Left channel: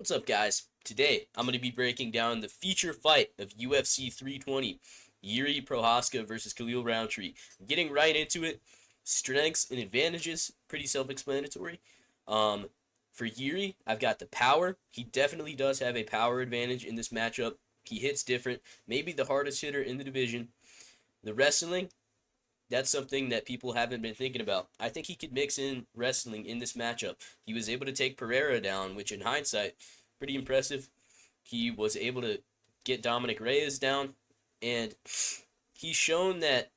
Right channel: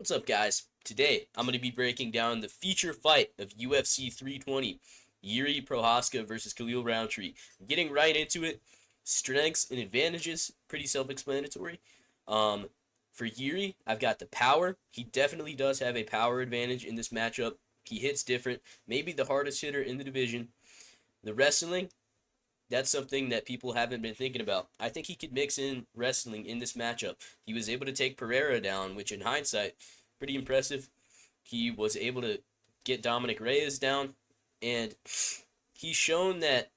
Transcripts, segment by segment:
What's up, guys? Today, I'm going to be breaking down the feature fight of UFC 320, Jiri Prochazka versus Khalil Roundtree. Getting right into it, strengths and advantages, pretty self-explanatory. Um, for Jiri, I've got the power. He definitely does have a power advantage in this matchup. He hits different, maybe the hardest hitter in the division. The wrestling, that's something that people haven't been thinking about. I think he could mix in wrestling in this matchup. He was able to take Pereira down, which in hindsight, pretty impressive. He was able to get Dominic Reyes down, and he's shown that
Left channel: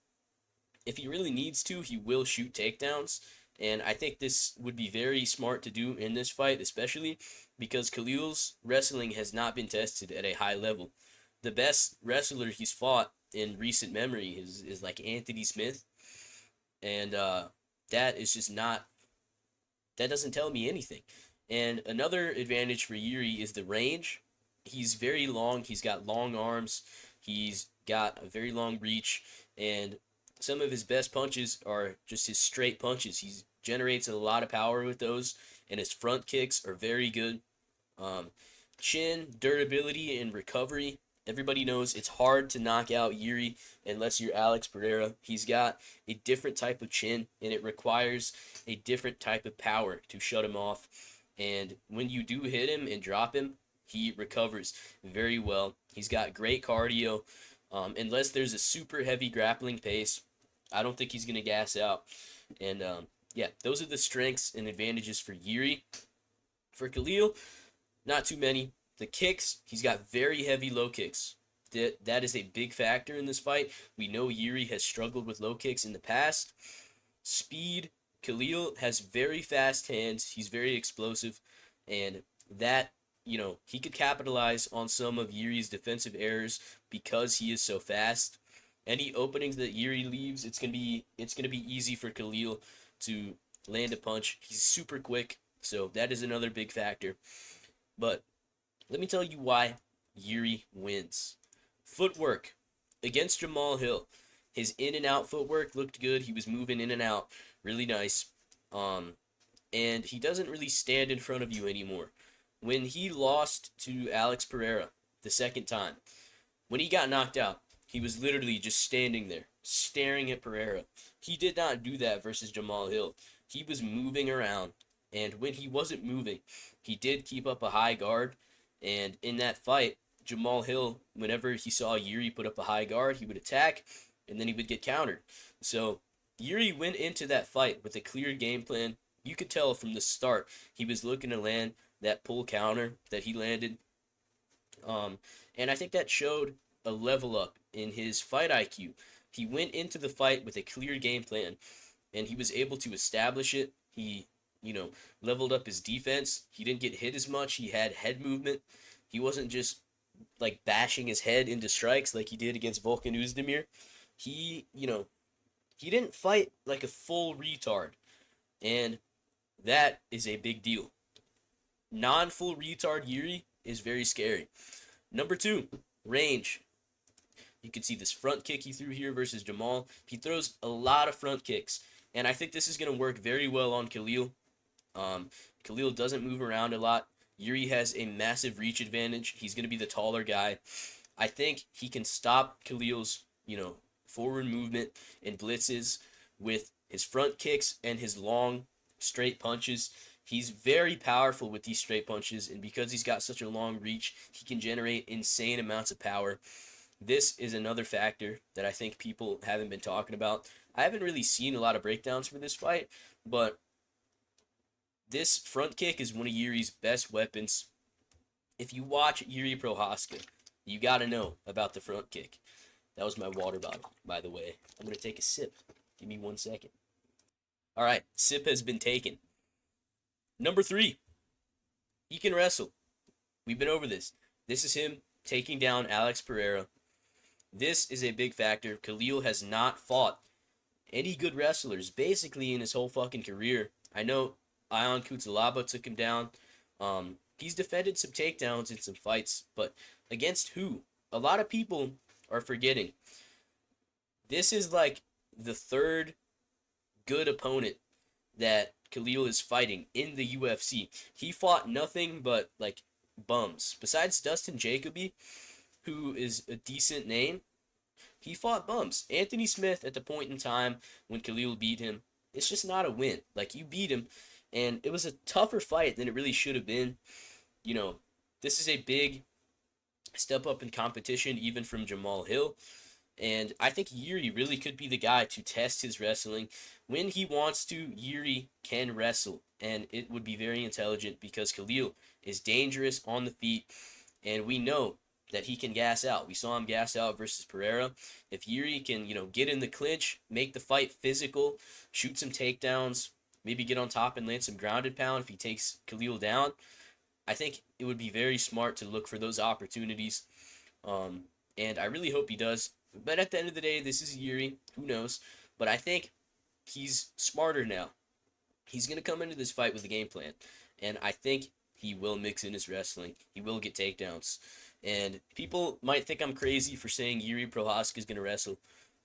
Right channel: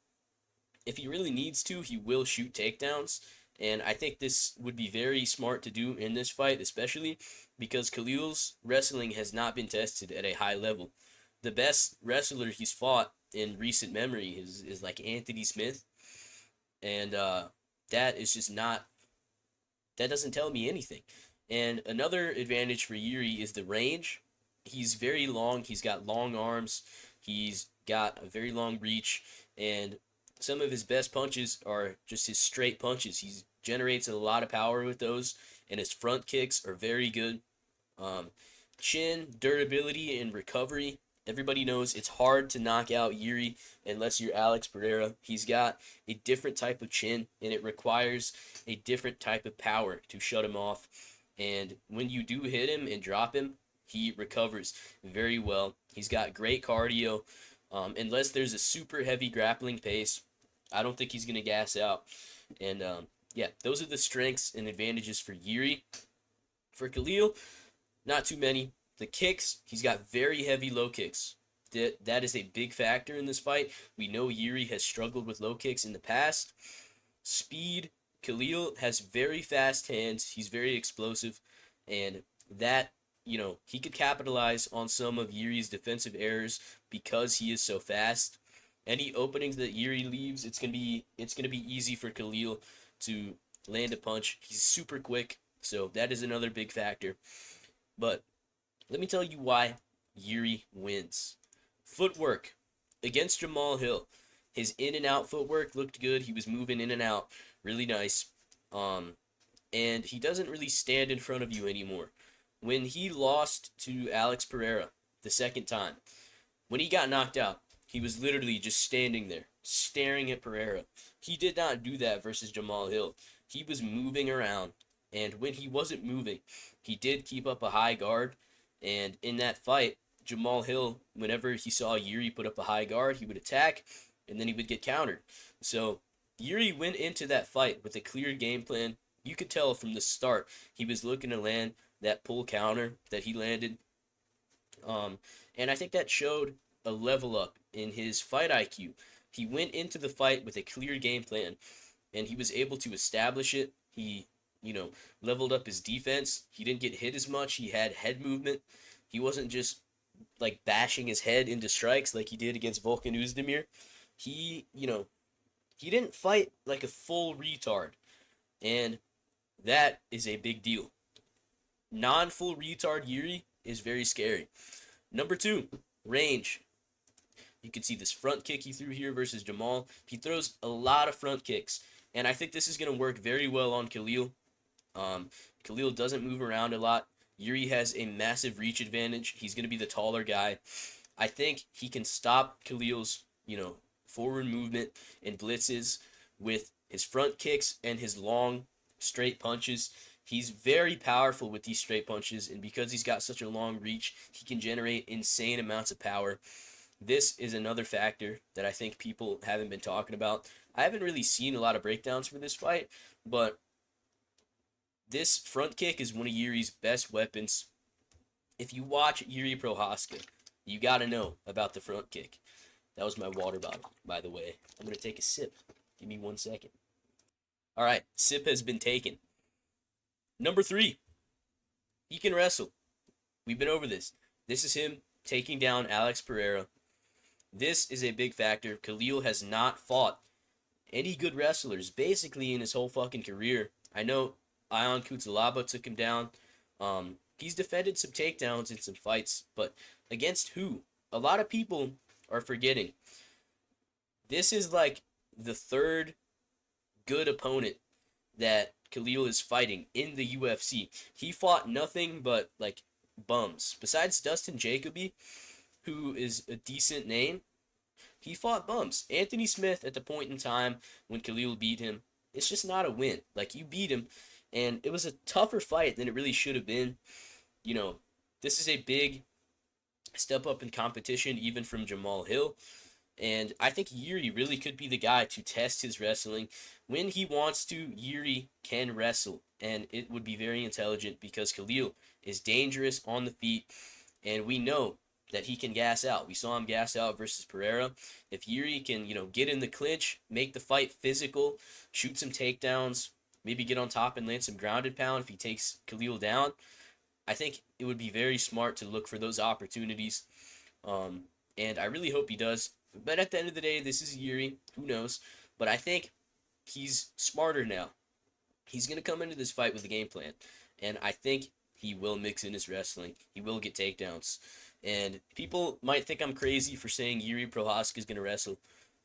if he really needs to, he will shoot takedowns. And I think this would be very smart to do in this fight, especially because Khalil's wrestling has not been tested at a high level. The best wrestler he's fought in recent memory is like Anthony Smith, and that is just not, that doesn't tell me anything. And another advantage for Jiri is the range. He's very long. He's got long arms. He's got a very long reach, and some of his best punches are just his straight punches. He generates a lot of power with those, and his front kicks are very good. Um, Chin, durability, and recovery. Everybody knows it's hard to knock out Jiri unless you're Alex Pereira. He's got a different type of chin, and it requires a different type of power to shut him off. And when you do hit him and drop him, he recovers very well. He's got great cardio. Unless there's a super heavy grappling pace, I don't think he's going to gas out. And yeah, those are the strengths and advantages for Jiri. For Khalil, not too many. The kicks, he's got very heavy low kicks. That is a big factor in this fight. We know Jiri has struggled with low kicks in the past. Speed, Khalil has very fast hands. He's very explosive. And that, he could capitalize on some of Jiri's defensive errors because he is so fast. Any openings that Jiri leaves, it's gonna be easy for Khalil to land a punch. He's super quick, so that is another big factor. But let me tell you why Jiri wins. Footwork against Jamal Hill. His in and out footwork looked good. He was moving in and out really nice. And he doesn't really stand in front of you anymore. When he lost to Alex Pereira the second time, when he got knocked out, he was literally just standing there, staring at Pereira. He did not do that versus Jamal Hill. He was moving around, and when he wasn't moving, he did keep up a high guard. And in that fight, Jamal Hill, whenever he saw Jiri put up a high guard, he would attack, and then he would get countered. So Jiri went into that fight with a clear game plan. You could tell from the start he was looking to land that pull counter that he landed. And I think that showed a level up in his fight IQ. He went into the fight with a clear game plan, and he was able to establish it. He, leveled up his defense. He didn't get hit as much. He had head movement. He wasn't just like bashing his head into strikes like he did against Volkan Oezdemir. He, he didn't fight like a full retard, and that is a big deal. Non-full retard Jiri is very scary. Number two, range. You can see this front kick he threw here versus Jamal. He throws a lot of front kicks, and I think this is going to work very well on Khalil. Khalil doesn't move around a lot. Jiri has a massive reach advantage. He's going to be the taller guy. I think he can stop Khalil's, forward movement and blitzes with his front kicks and his long, straight punches. He's very powerful with these straight punches, and because he's got such a long reach, he can generate insane amounts of power. This is another factor that I think people haven't been talking about. I haven't really seen a lot of breakdowns for this fight, but this front kick is one of Jiri's best weapons. If you watch Jiri Prochazka, you got to know about the front kick. That was my water bottle, by the way. I'm going to take a sip. Give me 1 second. All right, sip has been taken. Number three, he can wrestle. We've been over this. This is him taking down Alex Pereira. This is a big factor. Khalil has not fought any good wrestlers basically in his whole fucking career. I know Ion Cutelaba took him down. He's defended some takedowns in some fights, but against who? A lot of people are forgetting. This is like the third good opponent that Khalil is fighting in the UFC. He fought nothing but like bums. Besides Dustin Jacoby, who is a decent name, he fought bums. Anthony Smith, at the point in time when Khalil beat him, it's just not a win. Like, you beat him, and it was a tougher fight than it really should have been. You know, this is a big step up in competition, even from Jamal Hill. And I think Jiri really could be the guy to test his wrestling. When he wants to, Jiri can wrestle, and it would be very intelligent because Khalil is dangerous on the feet, and we know that he can gas out. We saw him gas out versus Pereira. If Jiri can, get in the clinch, make the fight physical, shoot some takedowns, maybe get on top and land some grounded pound if he takes Khalil down, I think it would be very smart to look for those opportunities. And I really hope he does. But at the end of the day, this is Jiri. Who knows? But I think he's smarter now. He's going to come into this fight with a game plan. And I think he will mix in his wrestling. He will get takedowns. And people might think I'm crazy for saying Jiri Prochazka is going to wrestle,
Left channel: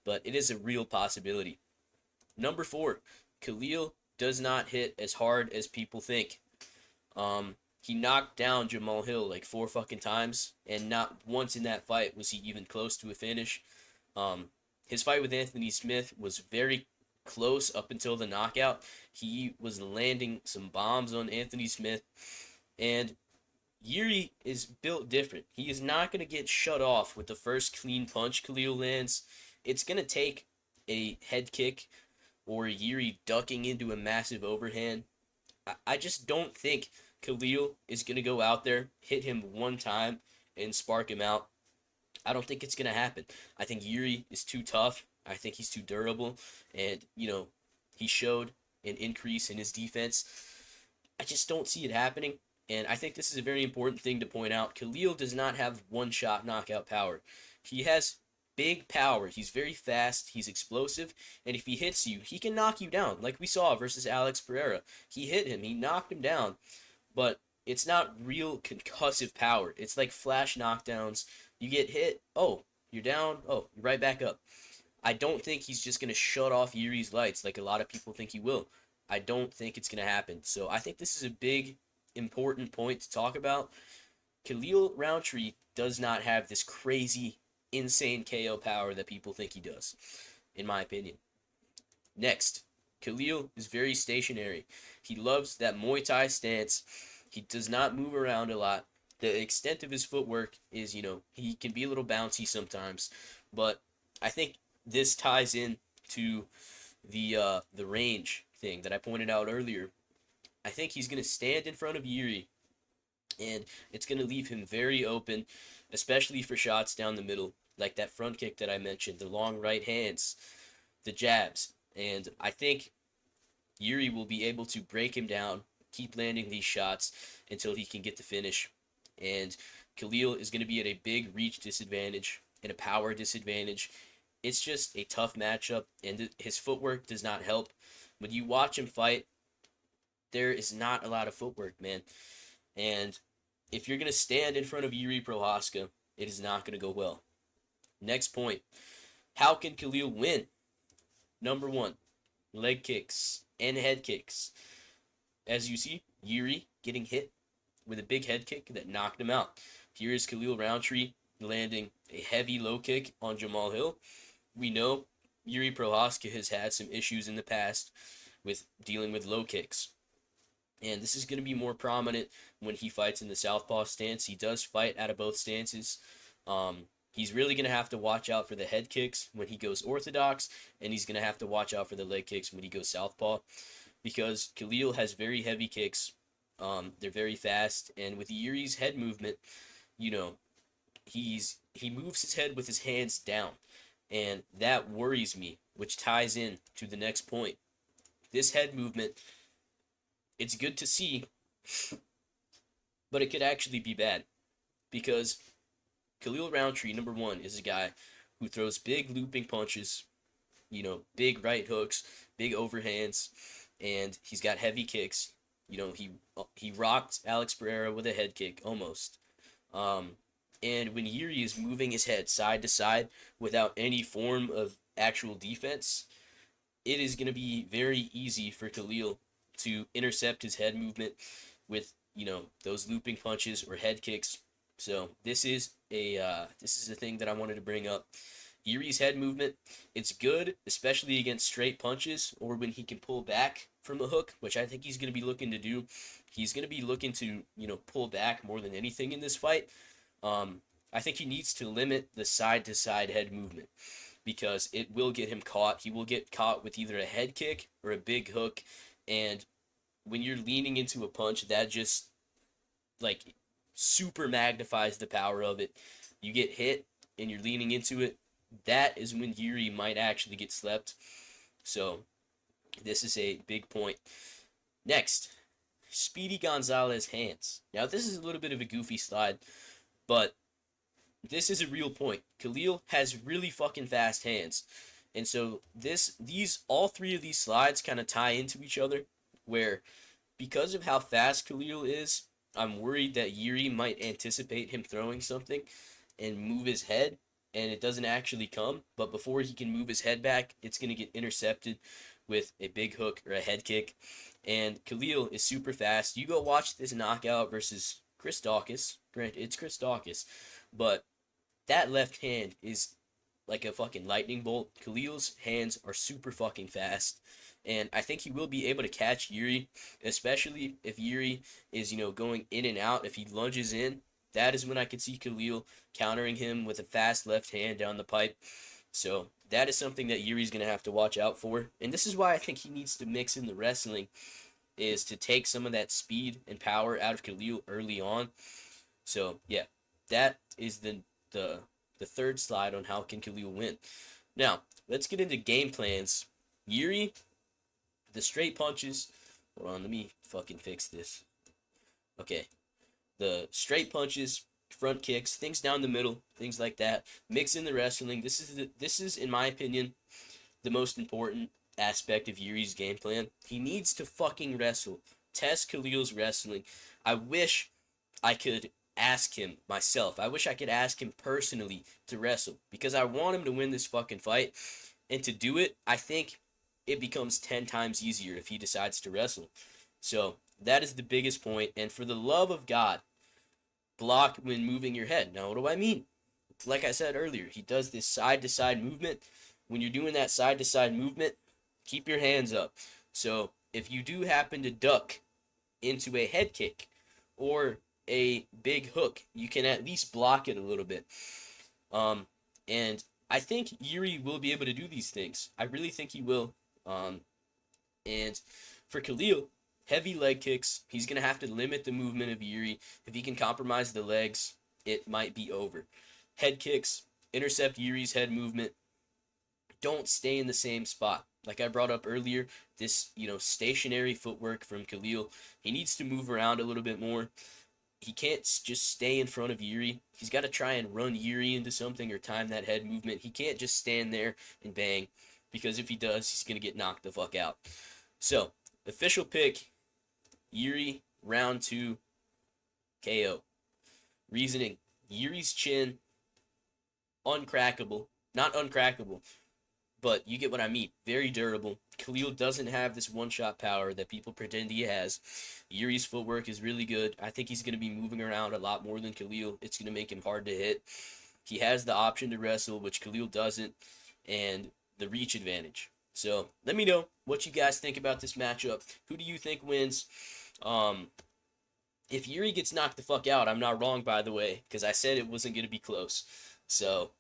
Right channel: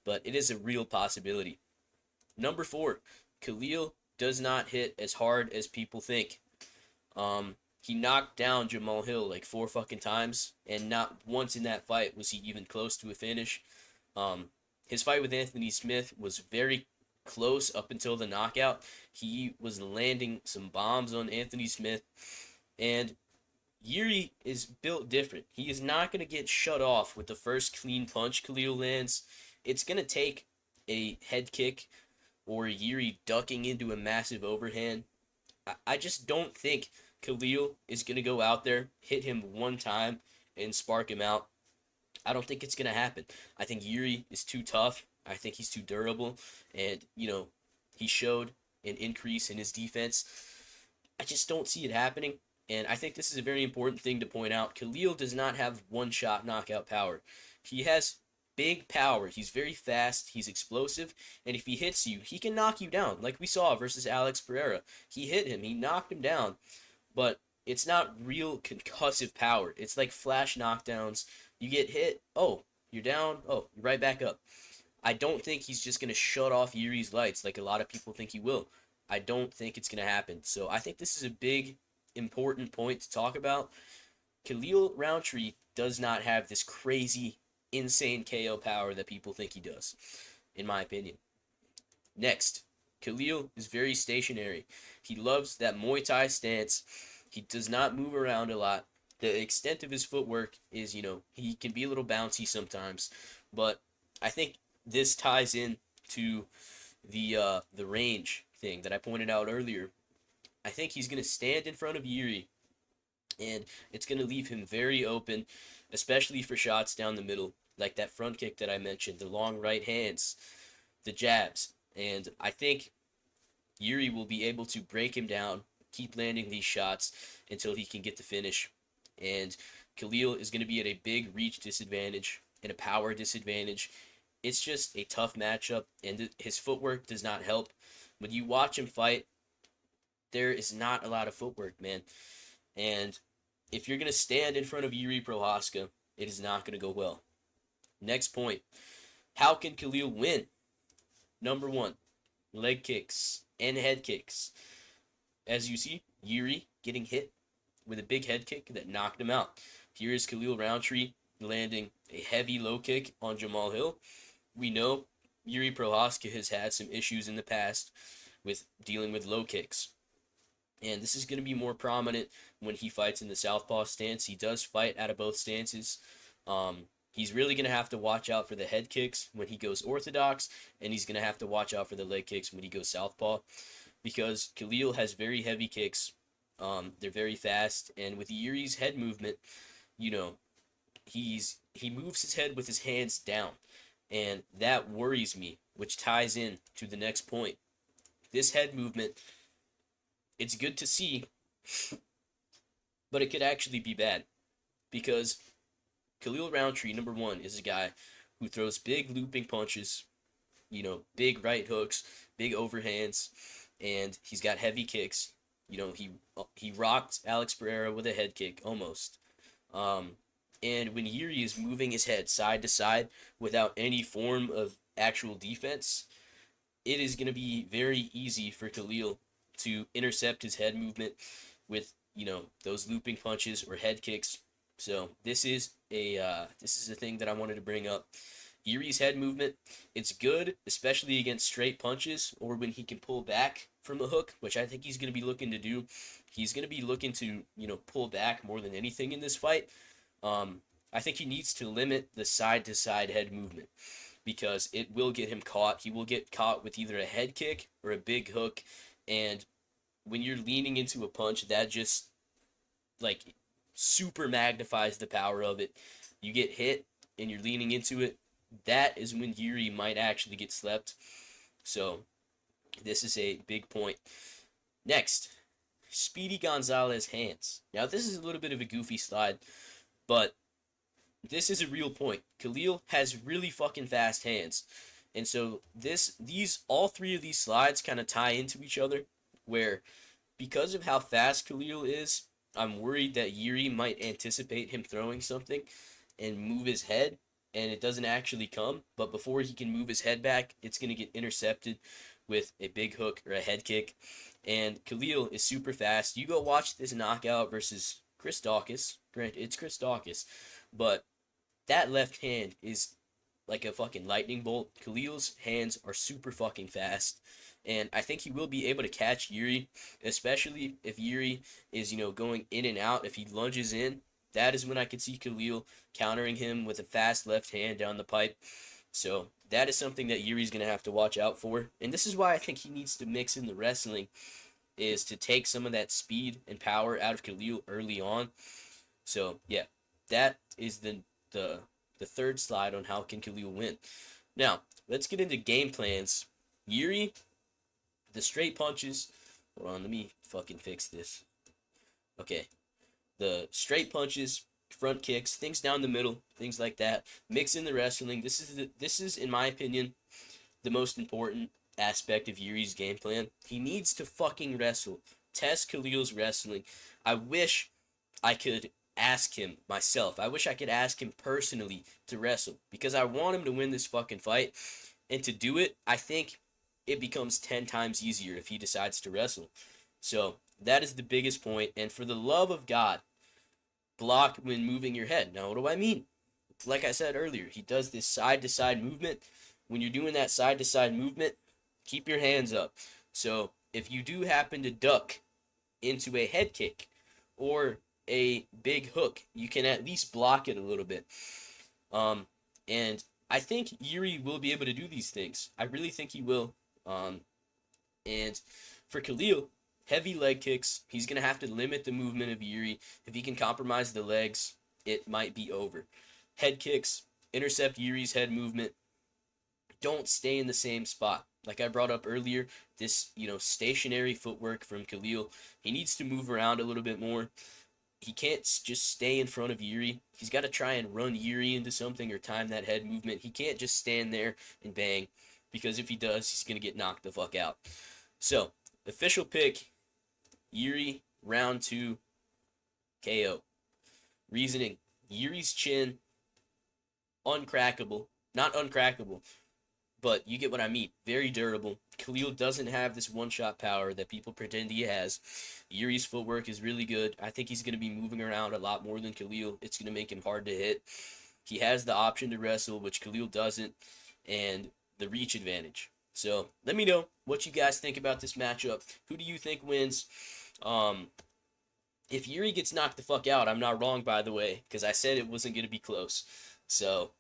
but it is a real possibility. Number 4, Khalil does not hit as hard as people think. He knocked down Jamal Hill like 4 fucking times, and not once in that fight was he even close to a finish. His fight with Anthony Smith was very close up until the knockout. He was landing some bombs on Anthony Smith, and Jiri is built different. He is not going to get shut off with the first clean punch Khalil lands. It's going to take a head kick or Jiri ducking into a massive overhand. I just don't think Khalil is going to go out there, hit him one time, and spark him out. I don't think it's going to happen. I think Jiri is too tough. I think he's too durable. And, he showed an increase in his defense. I just don't see it happening. And I think this is a very important thing to point out. Khalil does not have one-shot knockout power. He has big power. He's very fast. He's explosive. And if he hits you, he can knock you down, like we saw versus Alex Pereira. He hit him. He knocked him down. But it's not real concussive power. It's like flash knockdowns. You get hit. Oh, you're down. Oh, you're right back up. I don't think he's just going to shut off Jiri's lights like a lot of people think he will. I don't think it's going to happen. So I think this is a big, important point to talk about. Khalil Roundtree does not have this crazy, insane KO power that people think he does, in my opinion. Next, Khalil is very stationary. He loves that Muay Thai stance. He does not move around a lot. The extent of his footwork is, he can be a little bouncy sometimes, but I think this ties in to the range thing that I pointed out earlier. I think he's going to stand in front of Jiri, and it's going to leave him very open, especially for shots down the middle, like that front kick that I mentioned, the long right hands, the jabs. And I think Jiri will be able to break him down, keep landing these shots until he can get the finish. And Khalil is going to be at a big reach disadvantage and a power disadvantage. It's just a tough matchup, and his footwork does not help. When you watch him fight, there is not a lot of footwork, man. And if you're going to stand in front of Jiri Prochazka, it is not going to go well. Next point. How can Khalil win? Number 1, leg kicks and head kicks. As you see, Jiri getting hit with a big head kick that knocked him out. Here is Khalil Roundtree landing a heavy low kick on Jamal Hill. We know Jiri Prochazka has had some issues in the past with dealing with low kicks. And this is going to be more prominent when he fights in the southpaw stance. He does fight out of both stances. He's really going to have to watch out for the head kicks when he goes orthodox, and he's going to have to watch out for the leg kicks when he goes southpaw, because Khalil has very heavy kicks. They're very fast, and with Jiri's head movement, he moves his head with his hands down, and that worries me, which ties in to the next point. This head movement, it's good to see, but it could actually be bad, because Khalil Roundtree, number 1, is a guy who throws big looping punches, big right hooks, big overhands, and he's got heavy kicks. He rocked Alex Pereira with a head kick, almost. And when Jiri is moving his head side to side without any form of actual defense, it is going to be very easy for Khalil to intercept his head movement with, those looping punches or head kicks. So this is a thing that I wanted to bring up. Jiri's head movement, it's good, especially against straight punches or when he can pull back from a hook, which I think he's going to be looking to do. He's going to be looking to, pull back more than anything in this fight. I think he needs to limit the side-to-side head movement because it will get him caught. He will get caught with either a head kick or a big hook, and when you're leaning into a punch, that just, like, super magnifies the power of it. You get hit, and you're leaning into it, that is when Jiri might actually get slept. So, this is a big point. Next, Speedy Gonzalez hands. Now, this is a little bit of a goofy slide, but this is a real point. Khalil has really fucking fast hands. And so, all three of these slides kind of tie into each other, where because of how fast Khalil is, I'm worried that Jiri might anticipate him throwing something and move his head, and it doesn't actually come, but before he can move his head back, it's going to get intercepted with a big hook or a head kick, and Khalil is super fast. You go watch this knockout versus Chris Dawkins. Granted, it's Chris Dawkins, but that left hand is like a fucking lightning bolt. Khalil's hands are super fucking fast, and I think he will be able to catch Jiri, especially if Jiri is, going in and out. If he lunges in, that is when I could see Khalil countering him with a fast left hand down the pipe. So that is something that Jiri's going to have to watch out for. And this is why I think he needs to mix in the wrestling, is to take some of that speed and power out of Khalil early on. So, yeah, that is the third slide on how can Khalil win. Now, let's get into game plans. Jiri, the straight punches. Hold on, let me fucking fix this. Okay. The straight punches, front kicks, things down the middle, things like that. Mix in the wrestling. This is, in my opinion, the most important aspect of Jiri's game plan. He needs to fucking wrestle. Test Khalil's wrestling. I wish I could ask him myself. I wish I could ask him personally to wrestle, because I want him to win this fucking fight. And to do it, I think it becomes 10 times easier if he decides to wrestle. So that is the biggest point. And for the love of God, block when moving your head. Now, what do I mean? Like I said earlier, he does this side-to-side movement. When you're doing that side-to-side movement, keep your hands up. So if you do happen to duck into a head kick or a big hook, you can at least block it a little bit. And I think Jiri will be able to do these things. I really think he will. And for Khalil, heavy leg kicks, he's going to have to limit the movement of Jiri. If he can compromise the legs, it might be over. Head kicks, intercept Jiri's head movement. Don't stay in the same spot. Like I brought up earlier, this, stationary footwork from Khalil. He needs to move around a little bit more. He can't just stay in front of Jiri. He's got to try and run Jiri into something or time that head movement. He can't just stand there and bang, because if he does, he's going to get knocked the fuck out. So, official pick, Jiri, round 2, KO. Reasoning, Jiri's chin, uncrackable. Not uncrackable, but you get what I mean. Very durable. Khalil doesn't have this one-shot power that people pretend he has. Jiri's footwork is really good. I think he's going to be moving around a lot more than Khalil. It's going to make him hard to hit. He has the option to wrestle, which Khalil doesn't, and the reach advantage. So, let me know what you guys think about this matchup. Who do you think wins? If Jiri gets knocked the fuck out, I'm not wrong, by the way, because I said it wasn't going to be close. So,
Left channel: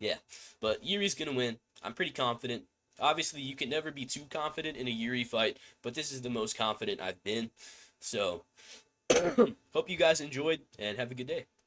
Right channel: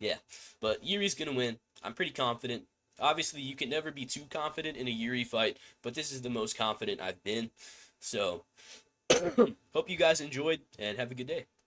yeah. But Jiri's going to win. I'm pretty confident. Obviously, you can never be too confident in a Jiri fight, but this is the most confident I've been. So, hope you guys enjoyed, and have a good day.